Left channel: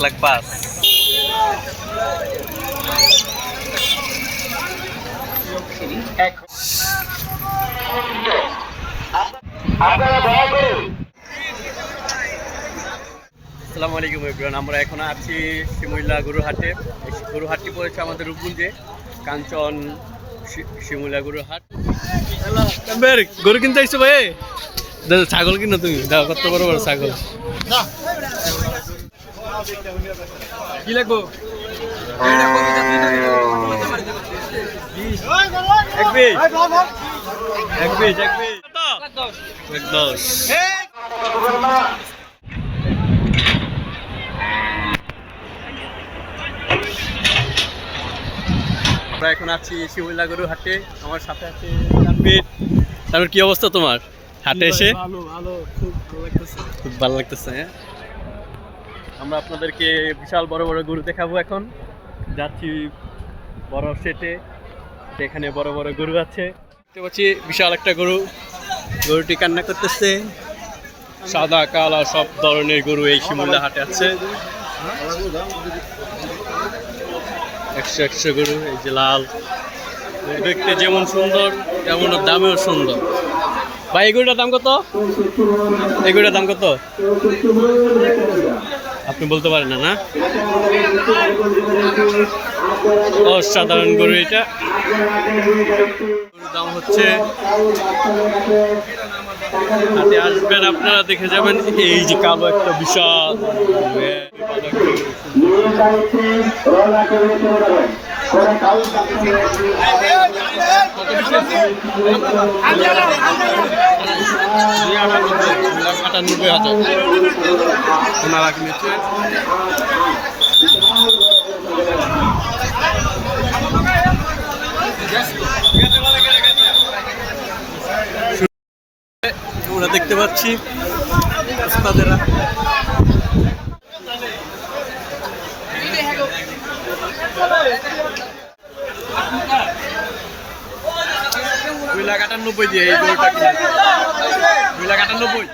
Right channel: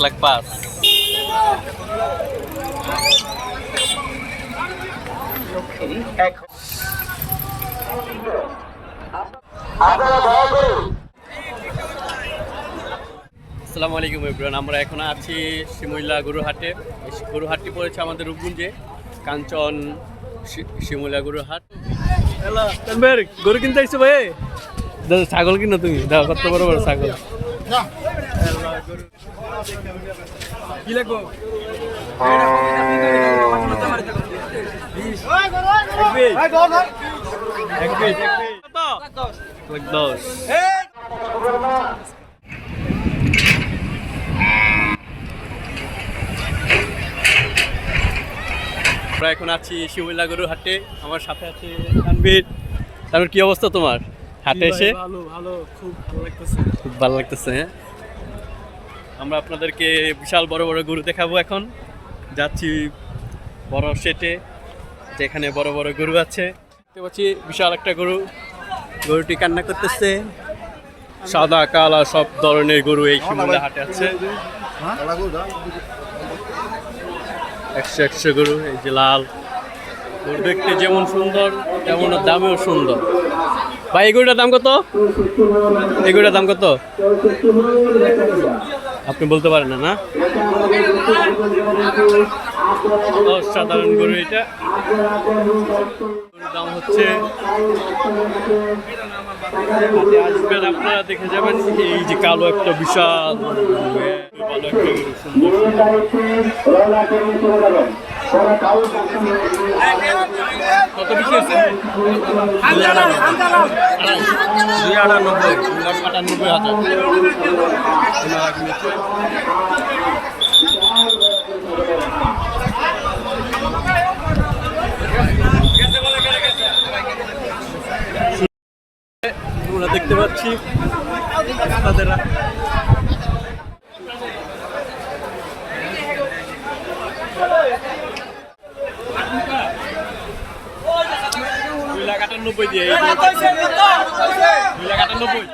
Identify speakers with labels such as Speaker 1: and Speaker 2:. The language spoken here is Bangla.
Speaker 1: লাখ পাঁচ আসসালামু আলাইকুম এভরিওয়ান আমরা এখন আছি শিমুইলা গরুহাটে। এই গরুহাটটি পড়েছে আমাদের রূপগুঞ্জে কাঞ্চন শি- শিমুইলা গরুহাট। গরু কিনতে আসছো ভাই? দাদা ছাগল কিনো তুমি দাও কত বড় বড় ছাগল। কি লাগবো? দশ আমরা এখন আছি শিমুল্লা গরুর হাটে। আমার সাথে আছে তানভীর। তারপর কি অবস্থা তোমার? হাটে এসে?
Speaker 2: ভালো ভালো খুব ভালো লাগতেছে।
Speaker 1: খুব ভালো লাগতেছে হ্যাঁ? আমরা আপনাদেরকে বিশাল বড় বড় গরু দেখাবো এখন। যাচ্ছি বড় সেটে, যেখানে বড় বড় গরু আছে। দেখতে পাচ্ছি বিশাল একটা গরু। গরুটি কান্না করতেছে। সাদা, কালা সব ধরনের গরু এই শিমুল্লা হাটে আছে। একশো একশো গরু, এই যে লাল। গরু দেখতে যেমন সুন্দর তেমন দামেও সুন্দর। ভাই, এই গরুটার দাম কত? এই গরুটার দাম কত? আপনি বলতে পারেন না না? অসাধারণ গরু এটা। দাম হচ্ছে হাতে আসবেন আপনারা, দেখে যাবেন। এই যে কালো একটা বিশাল আমরা দেখতে পাচ্ছি তাদেরা লাখ আটানব্বই দিয়ে এই। দুই লাখ আটানব্বই